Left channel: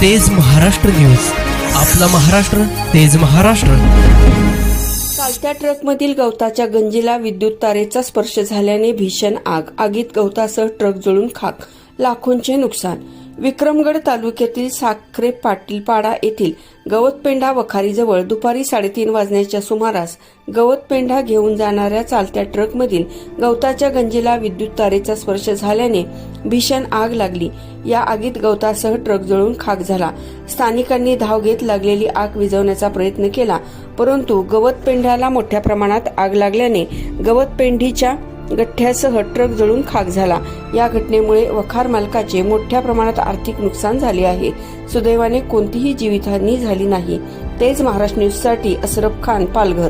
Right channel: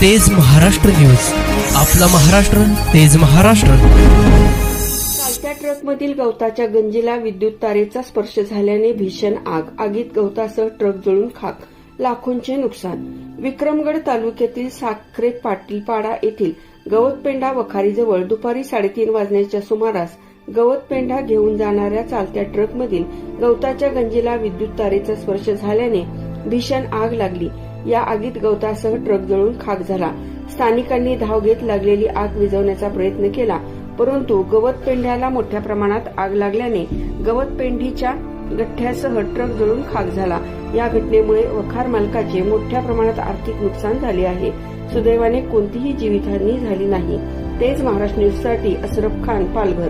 तेज महाराष्ट्र न्यूज. आपला महाराष्ट्र तेज महाराष्ट्र. चालत्या ट्रकमधील गवताच्या गंजीला विद्युत तारेचा स्पर्श झाल्याने भीषण आग. आगीत गवतासह ट्रक जळून खाक लाखोंचे नुकसान. विक्रमगड तालुक्यातील साखरे पाटीलपाडा येथील गवतपेंढा वखारीजवळ दुपारी साडेतीन वाजण्याच्या सुमारास गवतपेंढा घेऊन जाणाऱ्या चालत्या ट्रकमधील गवताच्या गंजीला विद्युत तारेचा स्पर्श झाल्याने भीषण आग लागली. या आगीत गवतासह ट्रक जळून खाक झाला. स्थानिकांनी धाव घेत लागलेली आग विझवण्याचा प्रयत्न केला परंतु गवतपेंढ्याला मोठ्या प्रमाणात आग लागल्याने गवतपेंढीच्या गठ्ठ्यासह ट्रक जळून खाक झाला. या घटनेमुळे वखार मालकाचे मोठ्या प्रमाणात आर्थिक नुकसान झाले आहे. सुदैवाने कोणतीही जीवितहानी झाली नाही. तेच महाराष्ट्र न्यूजसाठी असरफ खान पालघर.